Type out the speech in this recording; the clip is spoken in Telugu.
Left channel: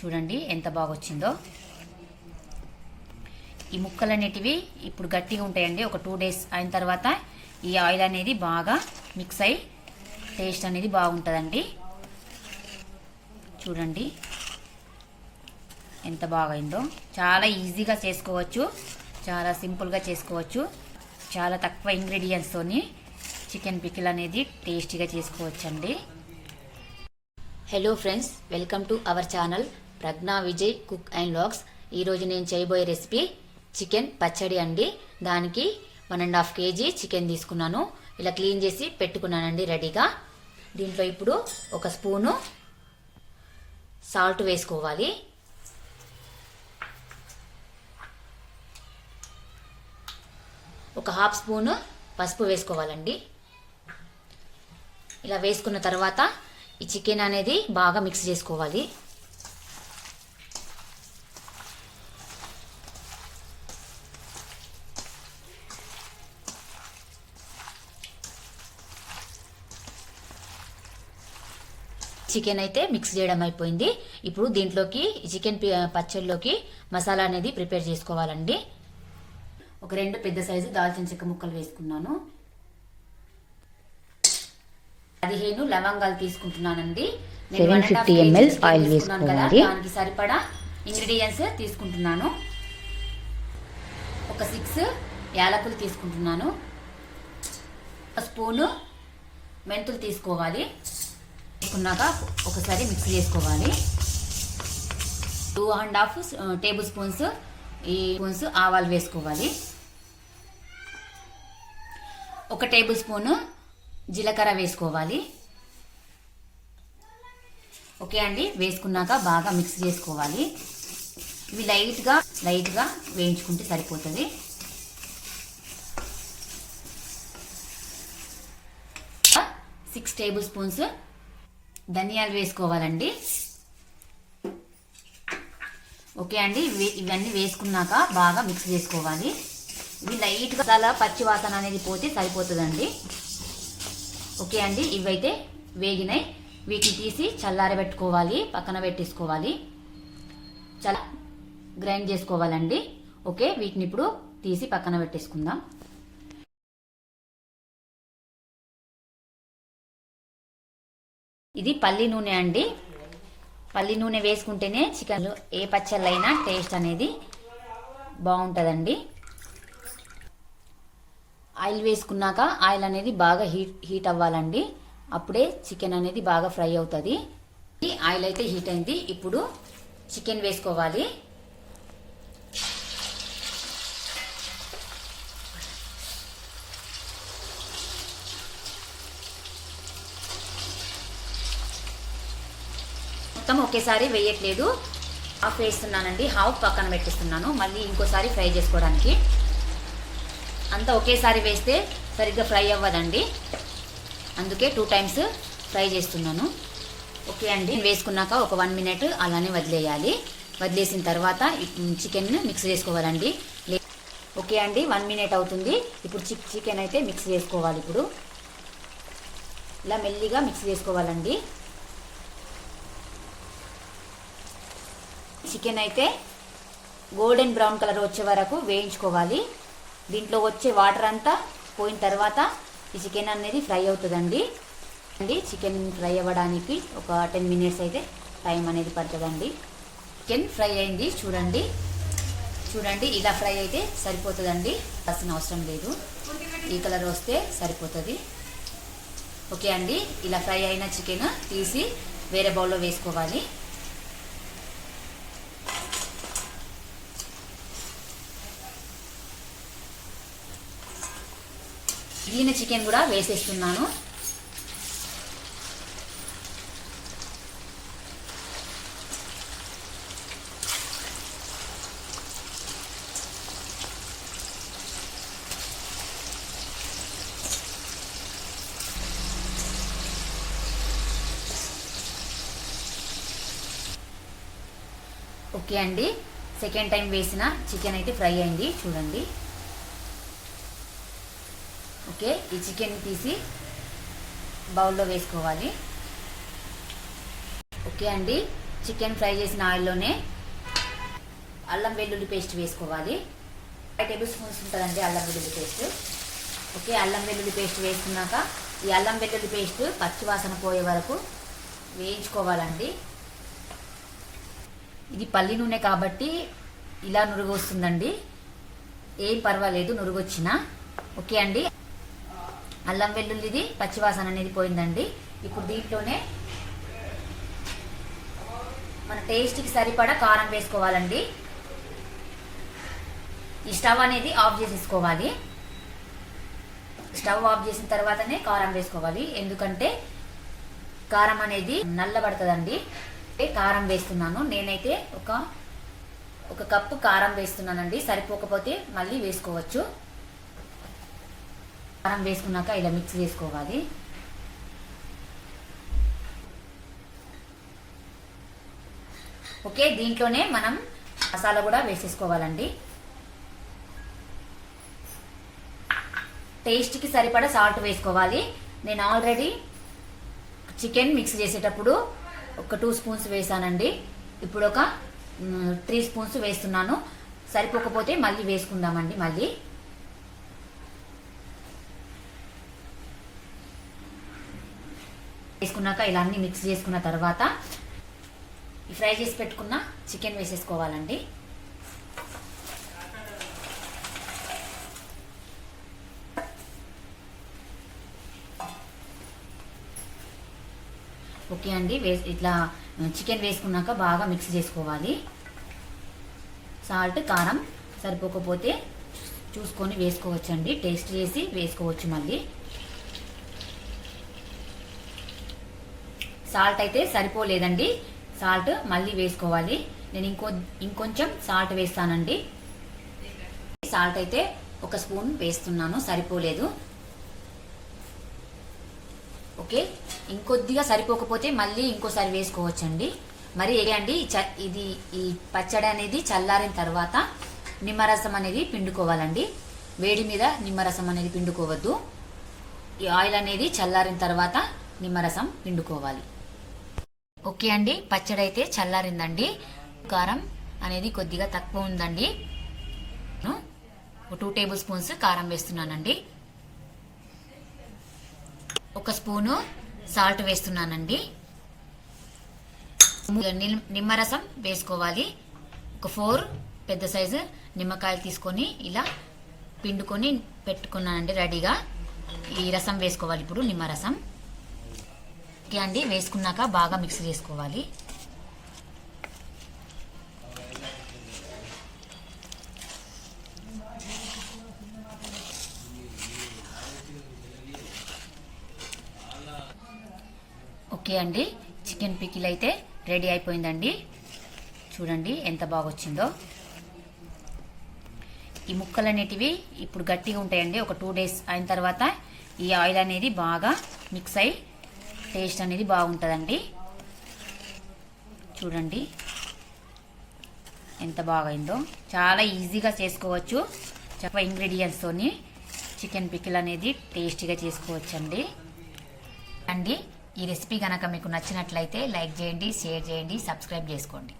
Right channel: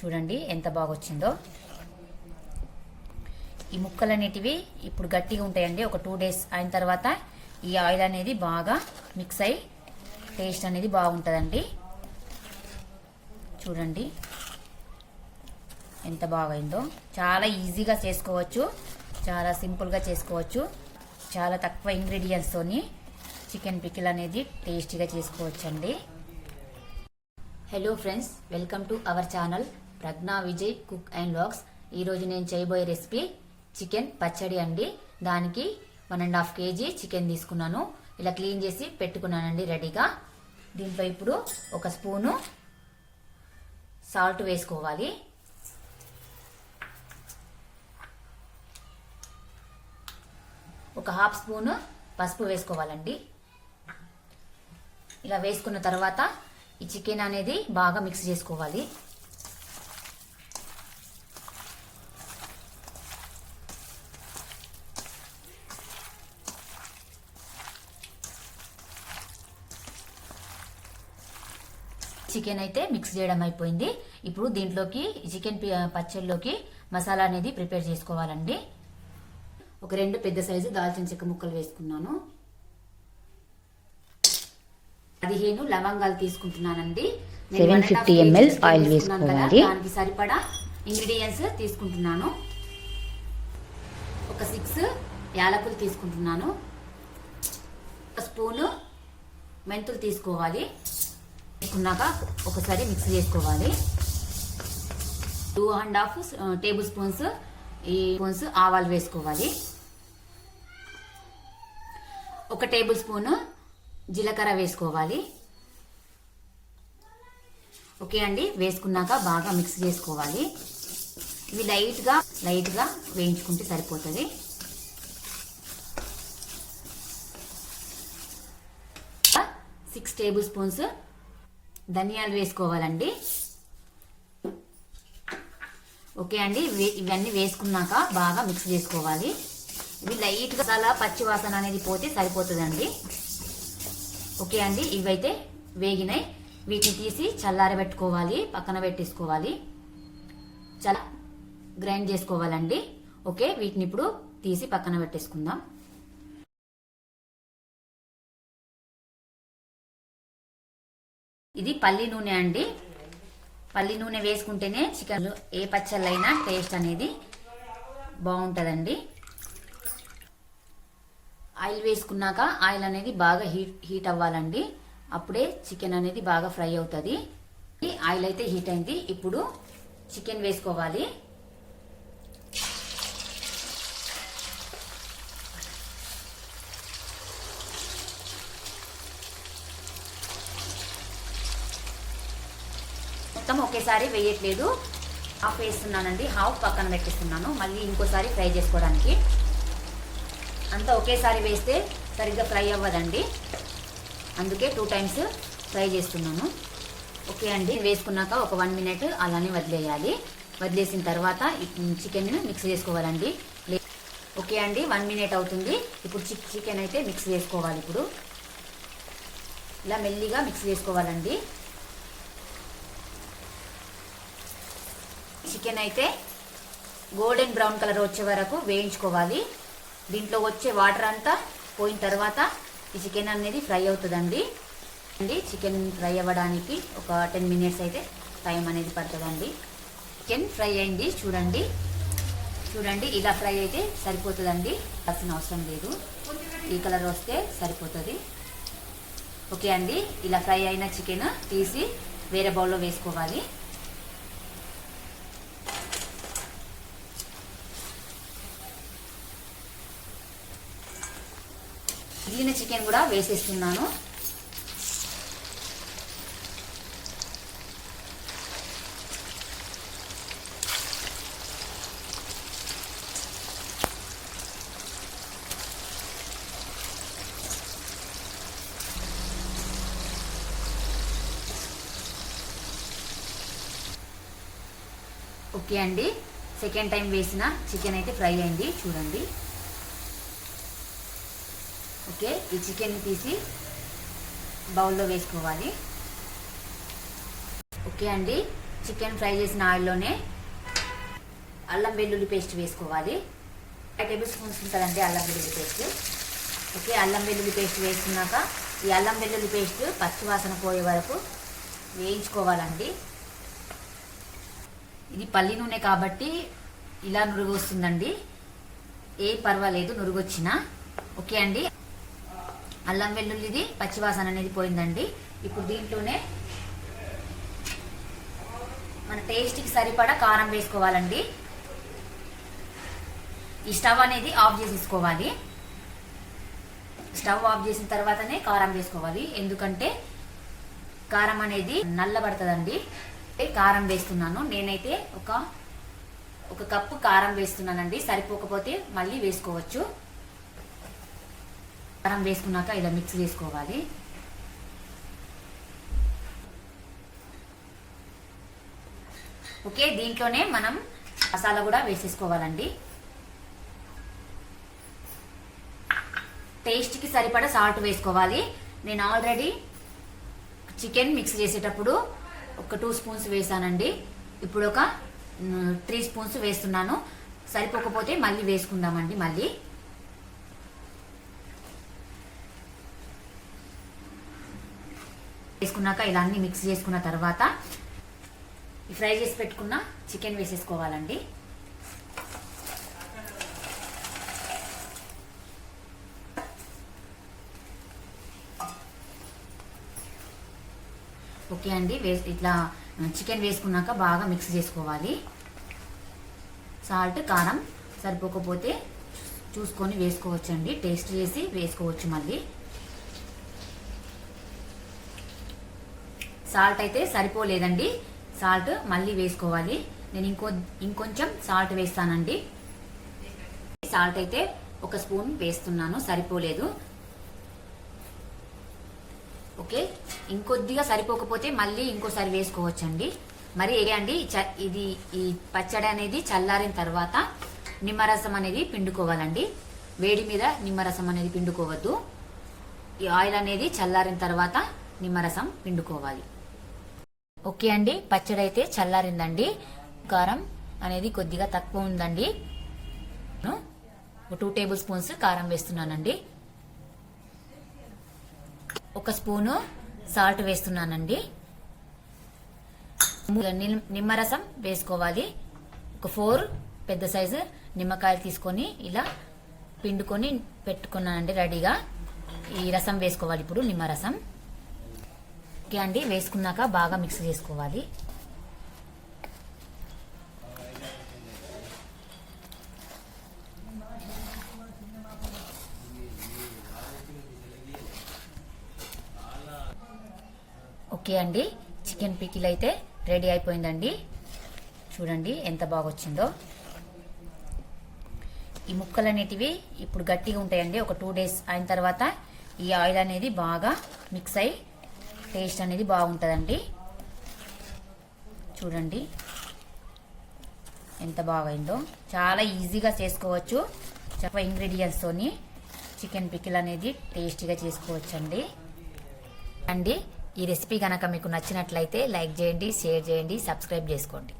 చూడండి ఎంత బాగా వచ్చిందో. ఈ ముక్కలు అనేటివి ఇప్పుడు గట్టిగా ఉంటాయండి. ఒక 2 days అయిన తర్వాత ఈ ఆయిల్ అనేది బాగా మిక్స్ అయ్యి టేస్ట్ అనేది బాగుంటుందండి. చూడండి ఎంత బాగైందో. చాలా ఈజీగా చేసుకోవచ్చు, చాలా సింపుల్గా చేసుకోవచ్చు. చాలా తక్కువ ఇంగ్రీడియంట్స్తోని చికెన్ పికిల్ అనేది టేస్టీగా చేసుకోవచ్చు అండి. Hello friends, welcome to our channel Pragna Vijay cook and vlogs. ఈరోజు నేను చేయబోయే రెసిపీ చికెన్ పచ్చడి అండి. దానికి 1.5 kg చికెన్ తీసుకున్నాను. ఇలా క్లీన్ చేసి పెట్టుకున్నానండి రెడీగా. దీంట్లో ఇప్పుడు 1 స్పూను సాల్ట్ వేసుకోవాలి. ఒక 1/2 స్పూను పసుపు వేసుకోవాలండి. ఇలా వేసుకున్న తర్వాత ఈ చికెన్ అనేది బాగా మిక్స్ చేసుకోవాలి. చికెన్ అయితే మిక్స్ చేయడం అయిపోయింది. ఇప్పుడు దీంట్లోకి చికెన్ పచ్చడిలోకి మసాలా అనేది ప్రిపేర్ చేసుకోవాలండి. ఒక 2 పెద్ద సైజు దాల్చిన చెక్క ముక్కలు వేసుకున్నాను. 15 లవంగాలు తీసుకుంటున్నానండి. 750 ml ఆయిల్ వేసుకోవాలి. దానికి సరిపడా ఇంగ్రీడియంట్స్ తీసుకుంటున్నాను. ఒక 6 యాలకులు తీసుకుంటున్నాను. 1 స్పూను మెంతులు తీసుకోవాలి. వేసుకున్నాక ఒకసారి మిక్స్ చేసుకోవాలి. 2.5 టేబుల్ స్పూన్స్ ఆవాలు వేసుకోవాలి. 1 టేబుల్ స్పూన్ జీలకర్ర వేసుకోవాలి. ఓకే అండి, వేసుకున్నాక బాగా మిక్స్ చేసుకోవాలి. ఇవి లైట్గా వేయించుకుంటే సరిపోతుంది. సిక్స్ టేబుల్ స్పూన్స్ ధనియాలు వేసుకోవాలండి. ఓకే అండి, ఇవన్నీ వేసుకున్నాక బాగా మిక్స్ చేసుకోవాలి. ఇవి లైట్గా చాలా పచ్చి వాసన అనేది పోతే సరిపోతుందండి. ఓకే అండి, ఇవైతే వేగినాయి. వీటిని తీసి చల్లారబెట్టుకోవాలి, పక్కన పెట్టేసుకోవాలి. చాలా గ్రైండ్ చేసుకోవాలండి. ఓకే, వీటిని ఇప్పుడు తీసి పక్కన పెట్టేసుకుందాం. ఇది పల్లి నూనె అండి. పల్లి నూనె వేసుకుంటేనే చికెన్ ఏ పచ్చళ్ళైనా టేస్ట్ అనేది బాగుంటుందండి. ఆయిల్ వేసుకున్నాక ఆయిల్ అనేది బాగా హీట్ అవ్వాలండి. అప్పుడే చికెన్ అనేది బాగా ఫ్రై అవుతుంది. ఆయిల్ అయితే హీట్ అయింది. ఇప్పుడు చికెన్ వేసుకోవాలి. మొత్తం ఒకేసారి వేయట్లేదు, హాఫ్ వేస్తున్నానండి. హాఫ్ పక్కన పెట్టిస్తున్నాను, మళ్ళీ ఇంకోసారి ఫ్రై చేసుకోవడానికి. అంతా ఒకేసారి వేస్తే సరిగ్గా ఫ్రై అవ్వదండి, అందుకే 2 times ఫ్రై చేస్తున్నాను. ఓకే అండి, వేసుకున్నాక ఒక 1 minute అలానే వదిలేయాలి. వదిలేసిన తర్వాత చికెన్ మిక్స్ చేసుకోవాలండి. ఓకే అండి, 1 minute అవుతుంది. ఇప్పుడు చికెన్ అయితే మిక్స్ చేసుకోవాలి. ఇప్పుడు ఇలా మెల్లిగా మిక్స్ చేసుకోవాలండి. చికెన్ అయితే గోల్డెన్ బ్రౌన్ కలర్ వచ్చే వరకు వేయించుకోవాలి. దీంట్లో వచ్చే వాటర్ అంతా పోయిన తర్వాత ఈ చికెన్ అనేది ఫ్రై అవుతుందండి. చికెన్ ఫ్రై అవ్వడానికి ఒక 10 minutes అయితే టైం అనేది పడుతుందండి. చికెన్ ఫ్రై అయింది, చూడండి. ఇలా ఫ్రై అయితే సరిపోతుందండి, కావాల్సిన అవసరం లేదు. ఈ కలర్ వస్తే సరిపోతుంది. ఓకే అండి, ఇలా ఫ్రై అయిన చికెన్ తీసి వేరే బౌల్లో వేసుకోవాలి. మిగిలిన చికెన్ కూడా వేసేస్తున్నాను. ఓకే అండి, సెకండ్ టైం వేసిన చికెన్ అయితే ఫ్రై అయింది, చూడండి. ఓకే, ఈ చికెన్ తీసి బౌల్లో వేసుకోవాలి. ఓకే అండి, చికెన్ ఫ్రై చేసిన ఆయిల్లోనే అల్లం వెల్లుల్లి పేస్ట్ వేసుకోవాలి. 5 టేబుల్ స్పూన్స్ ఉంటుందండి అల్లం వెల్లుల్లి పేస్ట్. ఓకే, అల్లం వెల్లుల్లి పేస్ట్ వేసుకున్నాక ఈ అల్లం వెల్లుల్లి పేస్ట్ పచ్చి వాసన పోయే వరకు వేయించుకోవాలండి. ఇది పల్లి నూనె కాబట్టి ఇలా నురుగు వస్తుందండి, ఏం పర్వాలేదు నురుగు వచ్చినా. ఓకే అండి, అల్లం వెల్లుల్లిది పచ్చివాసన అనేది పోయిందండి. ఇప్పుడు దీంట్లోనే మన టేస్ట్కి సరిపడా కారం వేసుకోవాలండి. ఈ స్టవ్ అనేది ఆఫ్ చేసేసుకోవాలి. స్టవ్ ఆఫ్ చేసిన తర్వాతనే కారం వేసుకోవాలి, ఎందుకంటే కారం అనేది నల్లబడుతుందండి. కారం వేస్తున్నాను, నేనైతే ఒక కప్పు కారం వేస్తున్నానండి. సరిపోకపోతే మళ్ళీ వేసుకోవచ్చు. కారం వేసుకున్నాక ఇలా మిక్స్ చేసుకోవాలి. ఓకే, దీంట్లోనే మనం మసాలా కూడా వేసేసుకోవాలండి. టేస్ట్కి సరిపడా సాల్ట్ వేసుకోవాలి. నేను ఆల్రెడీ చికెన్ మిక్స్ చేసేటప్పుడు ఒక 2 స్పూన్స్ వేసానండి. ఇప్పుడు ఒక 3 స్పూన్స్ వేస్తున్నాను. సరిపోకపోతే మళ్ళీ వేసుకుందామండి. మళ్ళీ వేసుకున్నాక ఇలా అన్ని మిక్స్ చేసుకున్న తర్వాత ఈ ఫ్రై చేసి పెట్టుకున్న చికెన్ వేసేసుకోవాలండి. ఓకే అండి, ఇట్లా చికెన్ వేసుకున్నాక బాగా మిక్స్ చేసుకోవాలి. సాల్ట్ కారం సరిపోకపోతే చూసుకొని వేసుకోవచ్చండి, టేస్ట్ చేసి వేసుకోవచ్చు. మళ్ళీ సాల్ట్ అయితే సరిపోలేదండి, సాల్ట్ మళ్ళీ వేసుకోవాలి. నేను ఇంకొంచెం సాల్ట్ వేస్తానండి. సాల్ట్ అయితే 1 స్పూన్ వేస్తున్నాను, సరిపోలేదు. ఓకే, ఇంకొద్దిగా సరిపోకపోతే మళ్ళీ ఇంకోసారి వేసుకోవచ్చండి. మరి అండి ఇది ఈ పచ్చడి అనేది చల్లారిన తర్వాత నిమ్మరసం అనేది పిండుకోవాలండి. వేడి మీద నిమ్మరసం అనేది పిండుకోవద్దు. ఈ ఆయిల్ అనేది చల్లారిన తర్వాత నిమ్మరసం పిండుకోవాలి. ఓకే అండి, పచ్చడి అయితే చల్లారిందండి. కారం అనేది కొద్దిగా తక్కువ ఉందండి. 2 టేబుల్ స్పూన్స్ కారం వేస్తున్నానండి. 1 స్పూను సాల్ట్ వేస్తున్నానండి. నిమ్మరసం వేసుకోవాలి. ఒక 4 పెద్ద సైజు నిమ్మకాయలు తీసుకొని ఇలా పిండుకొని పెట్టుకున్నానండి రెడీగా. ఈ రసం వేసుకోవాలి ఇప్పుడు, నిమ్మరసం. ఓకే అండి, వేసుకున్నాక బాగా మిక్స్ చేసుకోవాలి. ఓకే అండి, చికెన్ పికిల్ అయితే రెడీ అయిపోయిందండి. చూడండి ఎంత బాగా వచ్చిందో. ఈ ముక్కలు అనేటివి ఇప్పుడు గట్టిగా ఉంటాయండి. ఒక 2 డేస్ అయిన తర్వాత ఈ ఆయిల్ అనేది బాగా మిక్స్ అయి టేస్ట్ అనేది బాగుంటుందండి. చూడండి ఎంత బాగైందో. చాలా ఈజీగా చేసుకోవచ్చు. చెప్ప ఇంగ్రీడియంట్స్తోని చికెన్ పికిల్ అనేది టేస్టీగా చేసుకోవచ్చు అండి. ఈ రెసిపీ కనుక మీకు నచ్చినట్లయితే లైక్ చేయండి, షేర్ చేయండి, సబ్స్క్రైబ్ చేసుకోండి.